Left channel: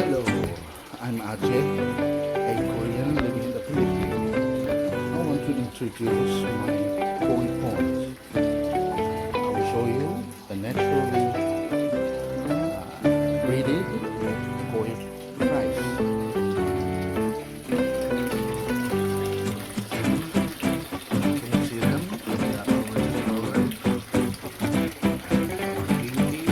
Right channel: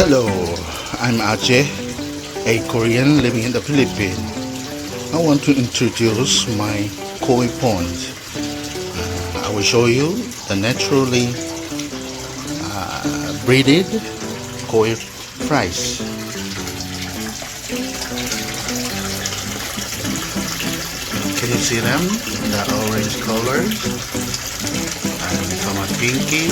Hello, I'm Ajay, a Korean living in the Philippines. I want to introduce my koi pond. I will show you the naturally breeded koi fries. Can you see them? The orange color and some are pinky.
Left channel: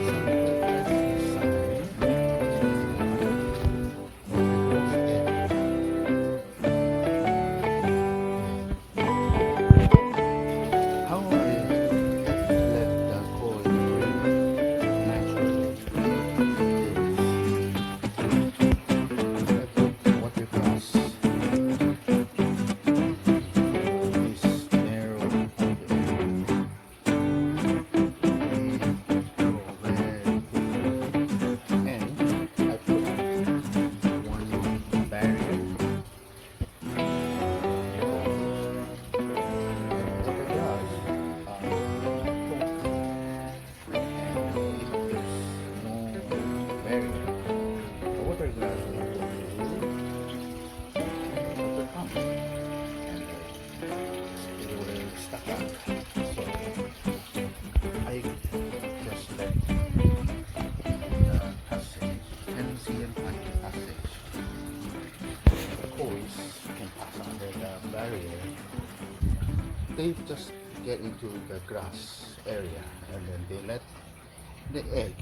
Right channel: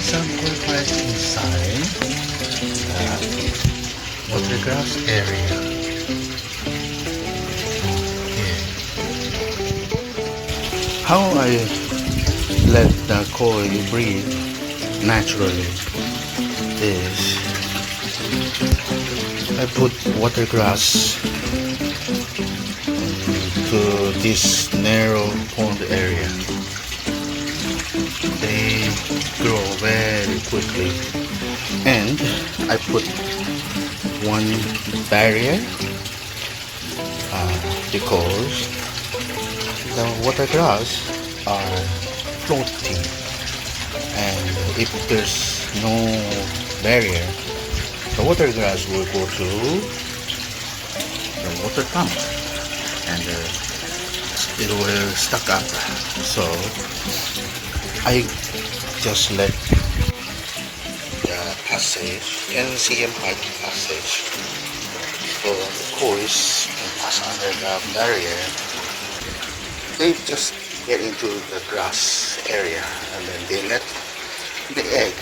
Some koi fries inside the grass area. How I let the koi breed naturally is I put water grass to this narrow pond area. They grow very quickly, and I put one barrier because the water grass are floating, and if there's no barrier, the water grass will go to the water pump and it will stuck up. So I just let the passage, NCM pipe passage, so the coils can pass under the barrier. They just get into the grass area and then they let the egg.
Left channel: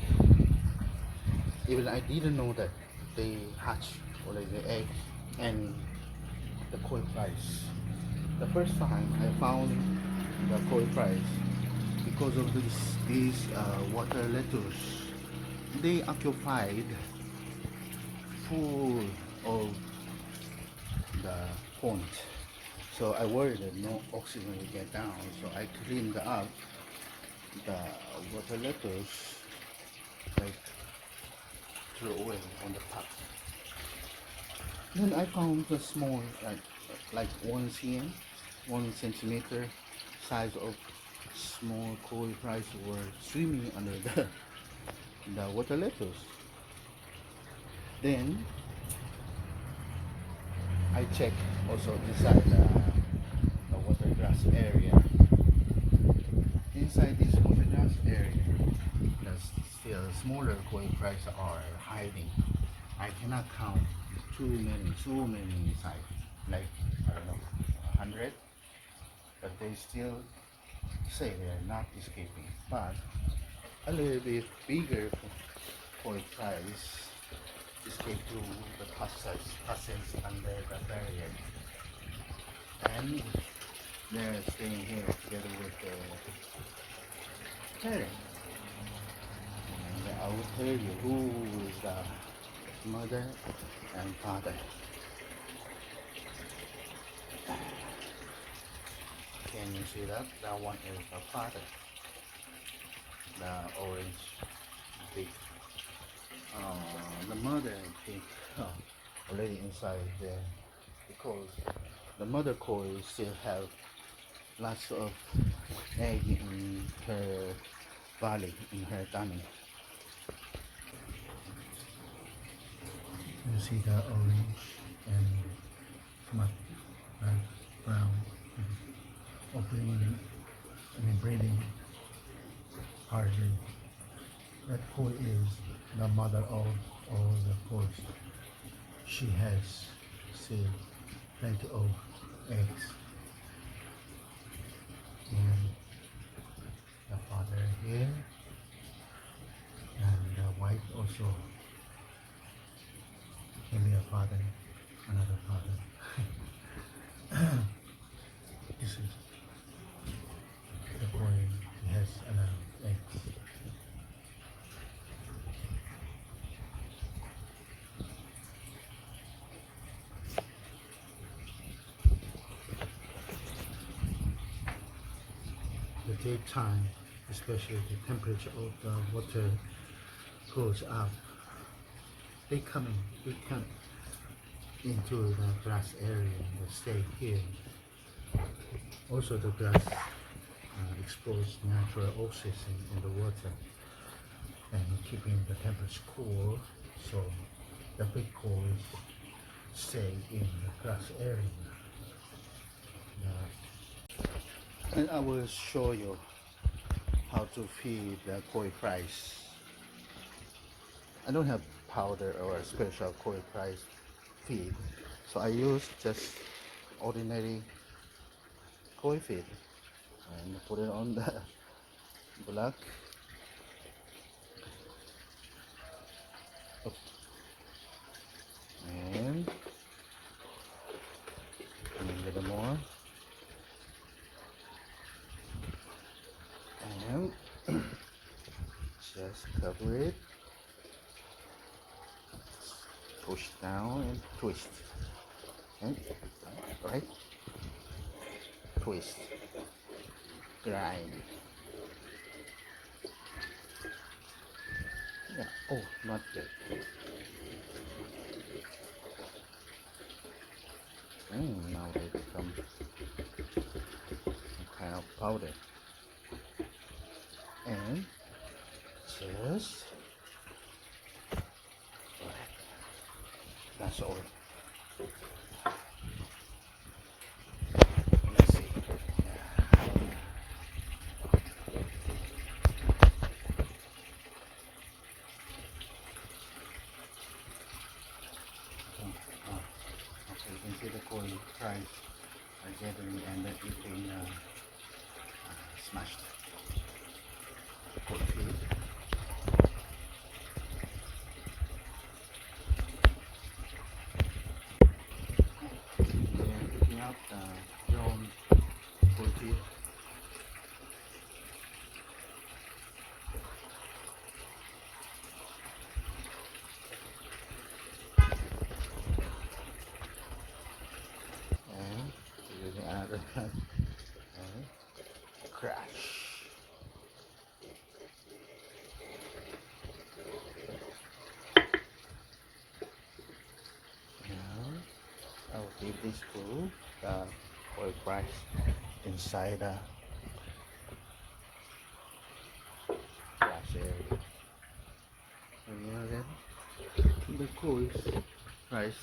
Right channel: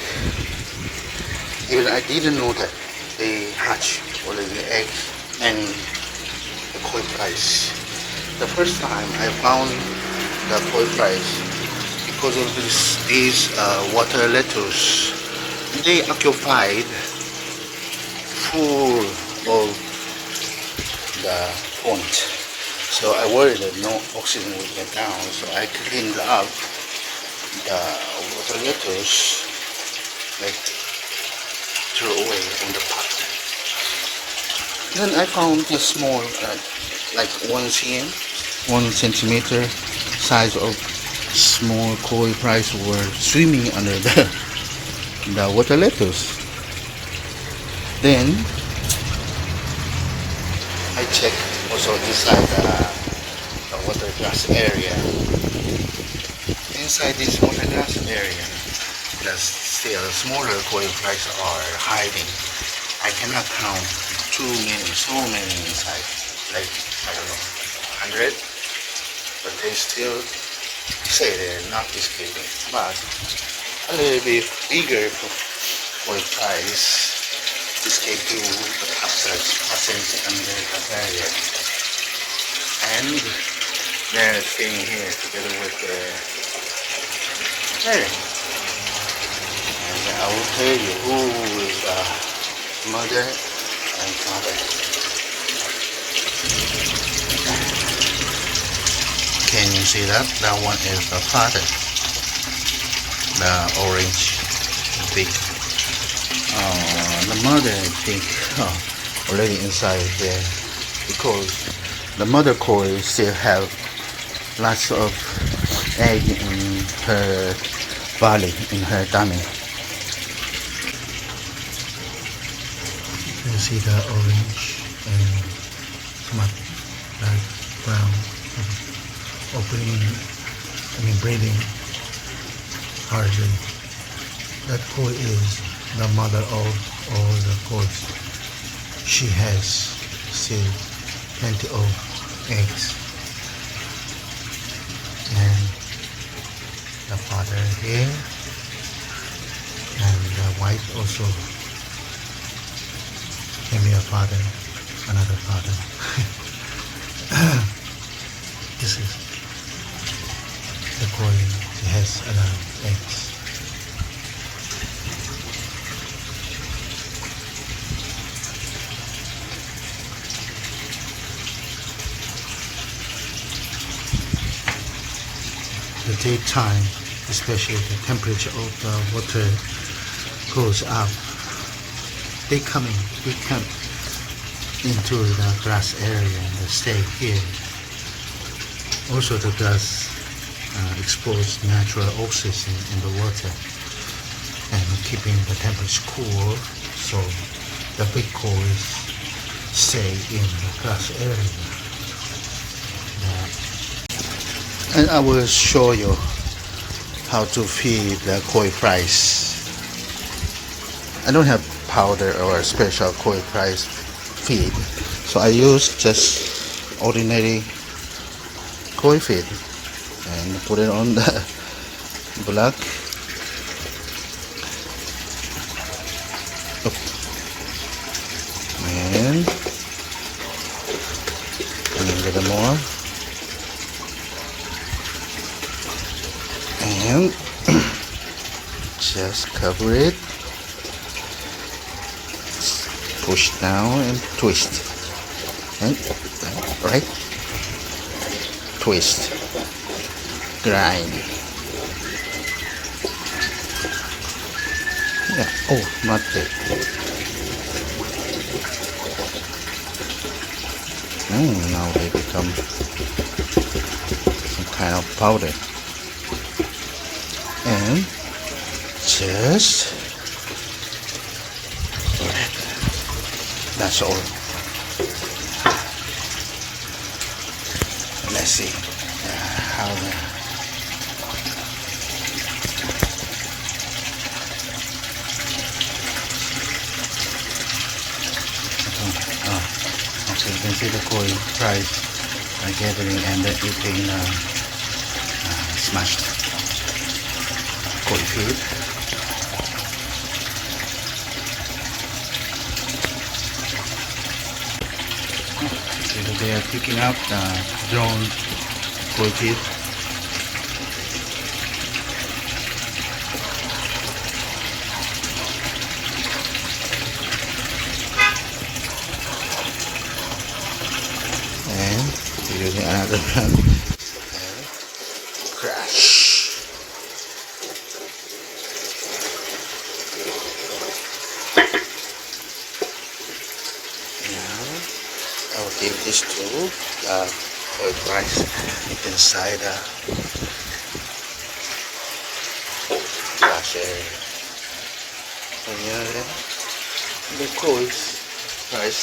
Even I didn't know that they hatch already the egg and the koi fries. The first time I found the koi fries because of these water lettuce. They occupied full of the pond. So I worried that no oxygen would get down, so I cleaned up the water lettuce, like threw away on the pot. Then I found a small, like 1 centimeter size of small koi fries were swimming under the water lettuce. Then I checked also inside the water grass area. Inside this water grass area, there's still smaller koi fries are hiding. I cannot count so many inside, like I don't know, 100, but they still say they're not escaping. But a little bit bigger koi fries escape to the passage under the barrier, and they're staying here together with the parent. And I will tell you who is the mother and father. Can you see that? That one is the father, the orange big. The mother, I think, already inside there, because the mother koi still have lots of egg in her belly, in her tummy. You see the orange and somewhat dark brown breathing hardly. That koi is the mother of all the koi. She has still plenty of eggs, and the father here, and the wife also can be a father, another father. This is the koi. She has a lot of eggs. The daytime, especially the temperature of the water goes up. They come into the grass area and they stay here. Also the grass expose natural oxygen in the water and keeping the temperature cool, so the big koi's stay in the grass area. And I will show you how to feed the koi fries. I don't have powder or special koi fries feed, so I use just ordinary koi feed and put it on the block. And a little more. And just cover it, push down and twist, and right, twist, grind. Yeah. Oh, not that. Now they become some kind of powder. And just that's all. Let's see how okay, you can see the koi fries are gathering and they're eating smashed koi feed. They are picking up the drawn koi feed. And using another one. Crash. I'll give this to the koi fries inside the glass area. And the koi fries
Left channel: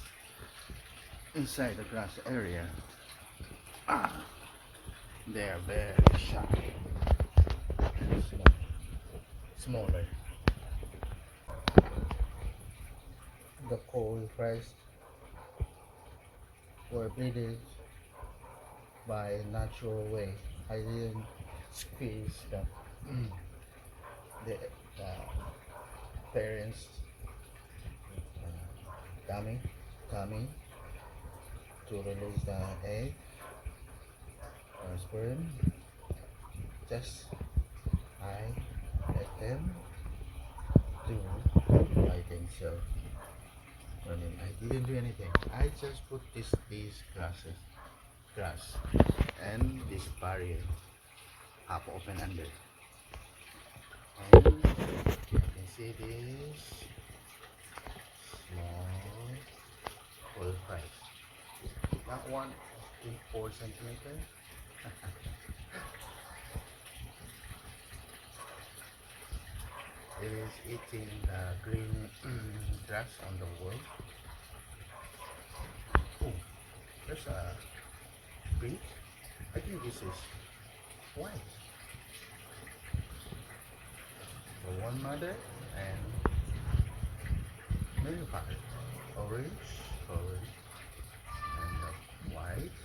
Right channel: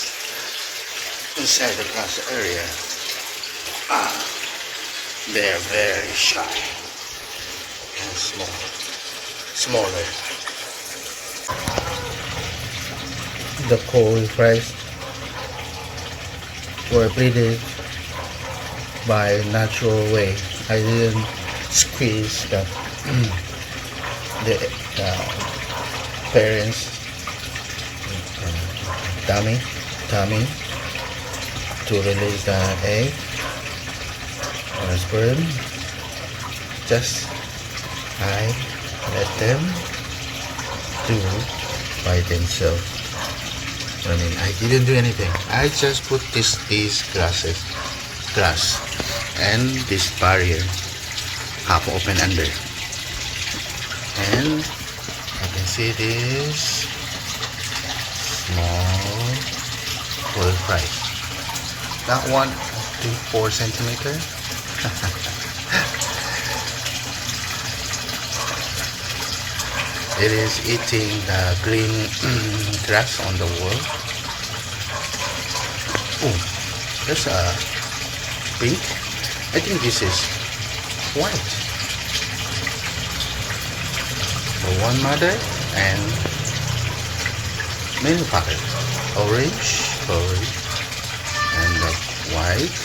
inside the glass area. They're very shy and smaller. The koi fries were breeded by natural way. I didn't squeeze the parents tummy to release the egg or sperm. Just I let them do by themselves. I mean, I didn't do anything. I just put these grass and this barrier half open under, and I can see this small koi fry. That one 4 centimeter. It is eating the green grass on the wall. Oh, there's a pink. I think this is white. So one mother and male father. Orange, and the white,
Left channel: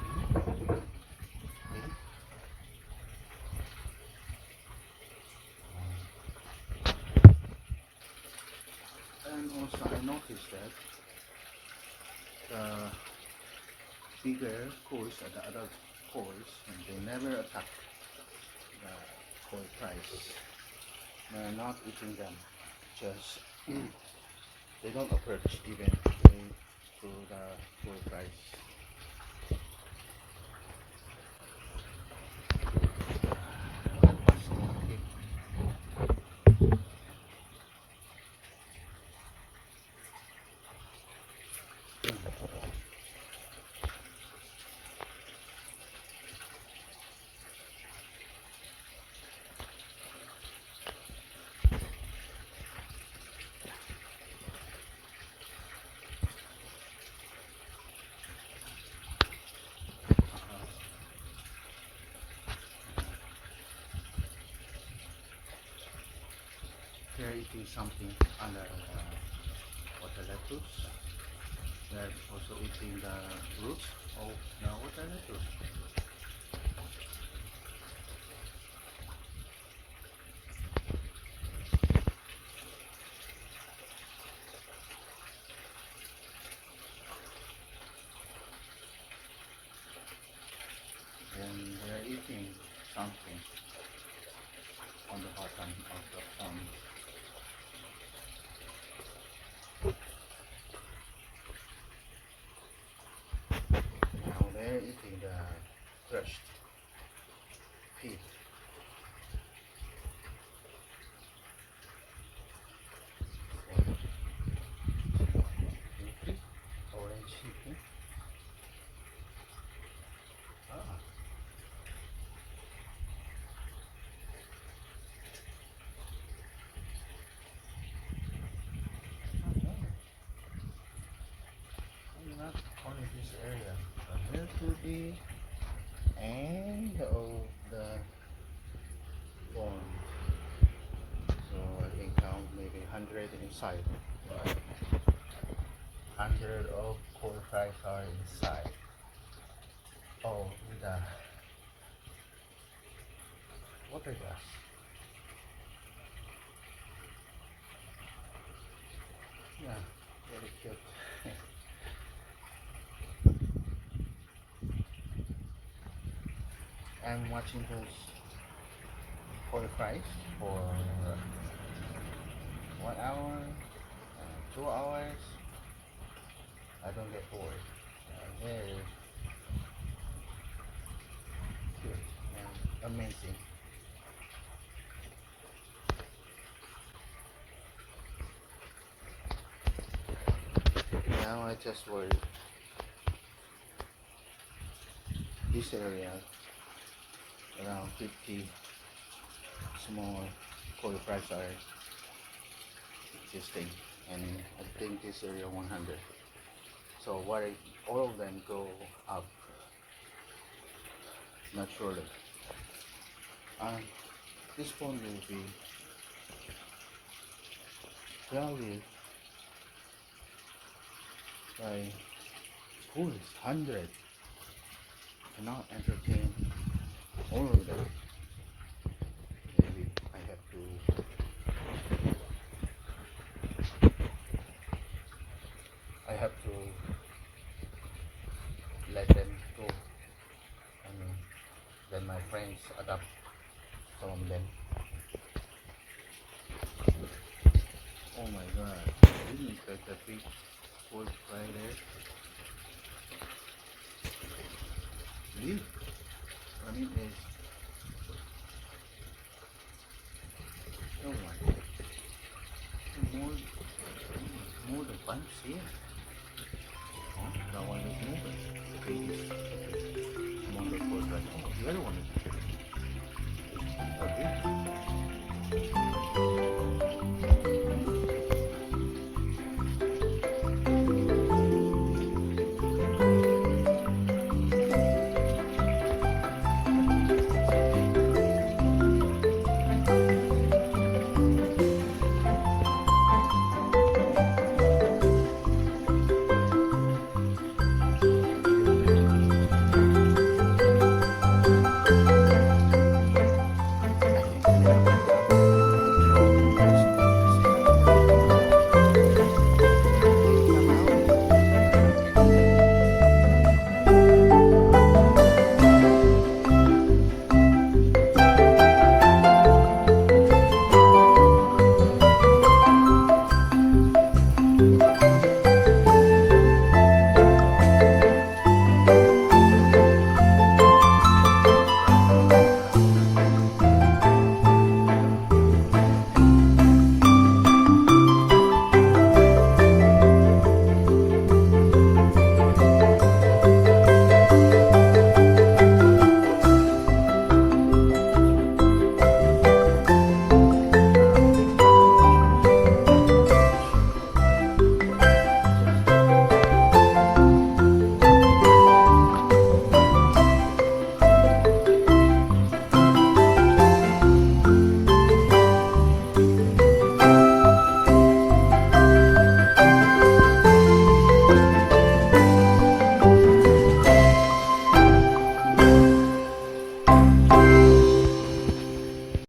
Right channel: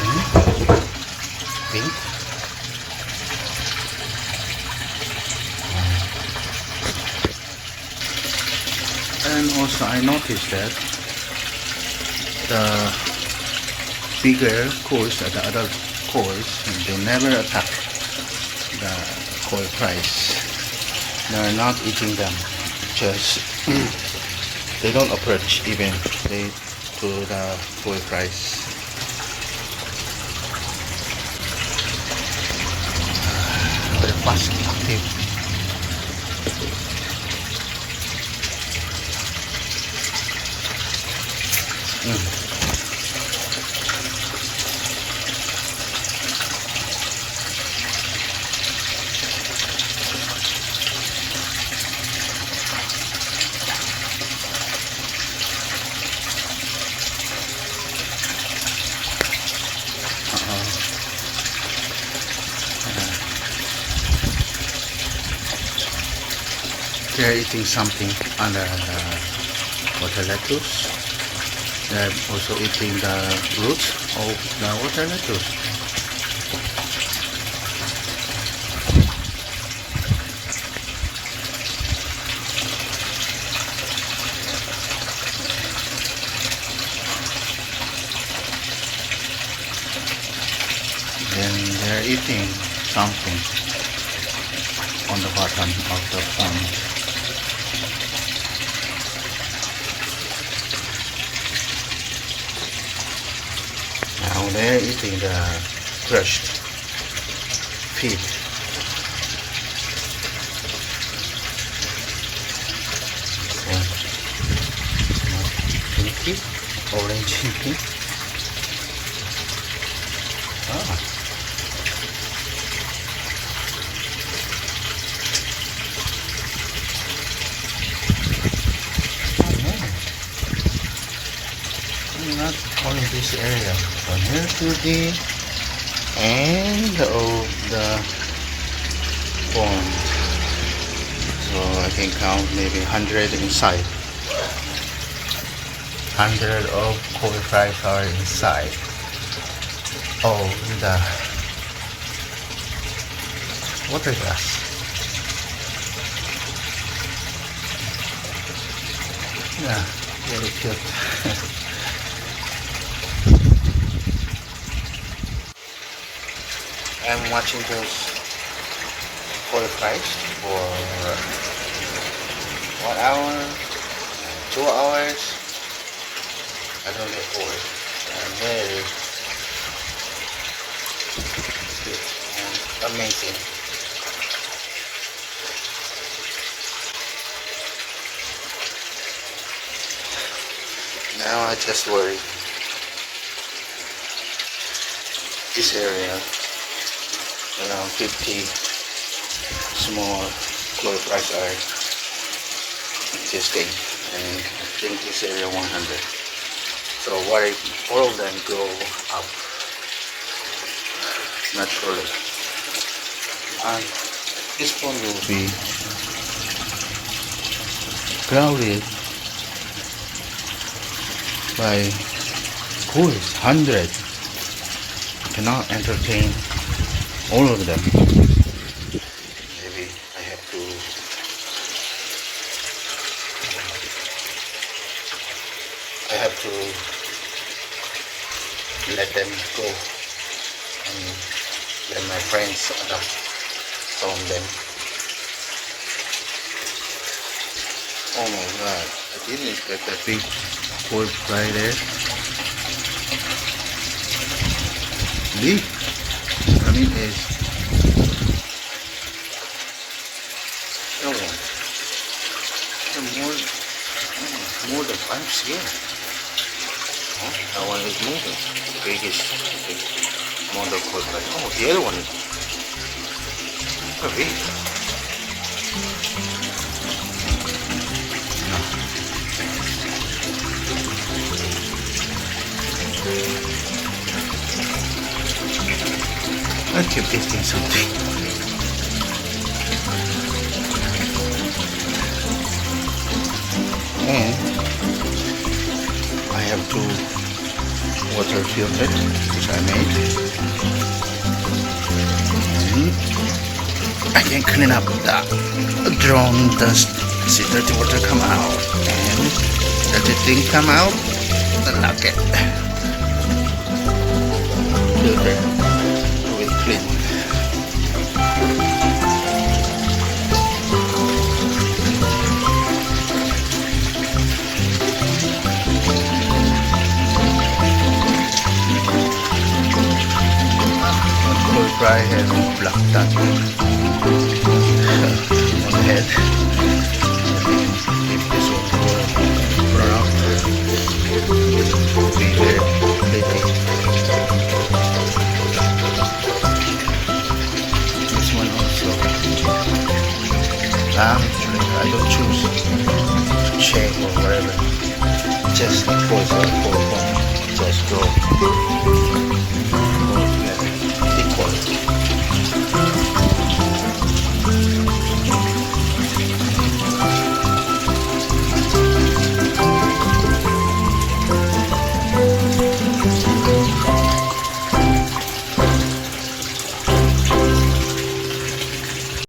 and pink. And also I noticed that the bigger kois, the adult kois, they never attack the koi fries. They are not eating them. Just they don't approach even to the koi fries. They're fast active. They're eating something on the water lettuce. They're also eating the roots of the water lettuce. Then they're eating something on the bottom of the pond. Now they're eating the crushed feed. Pinky, orange and pink. Ah. Not only this area, from here to the end of the pond. So I can count maybe 100 inside. 100 of koi fries are inside of the water glass. Yeah, very cute. I'm watching those koi fries for 1 hour, 2 hours. I don't get bored. I'm very good and amazing. Now I just worry this area. Around 50 small koi fries are existing, and I think this area 100. So what if all of them go up naturally? And this pond will be crowded by koi, 100. Cannot entertain all of them. Maybe I have to let them go and let my friends adopt some of them. Oh my god, I didn't expect that big koi fry there. Big. I mean, is more than 5 cm. Oh, that one is moving. The biggest amount of koi fry. Oh, the other one is very big. I keep tasting something. And I have to water filter, which I made. I can clean up the drone dust. See dirty water come out, and dirty thing come out. Lock it. Filter. Fry and black dot.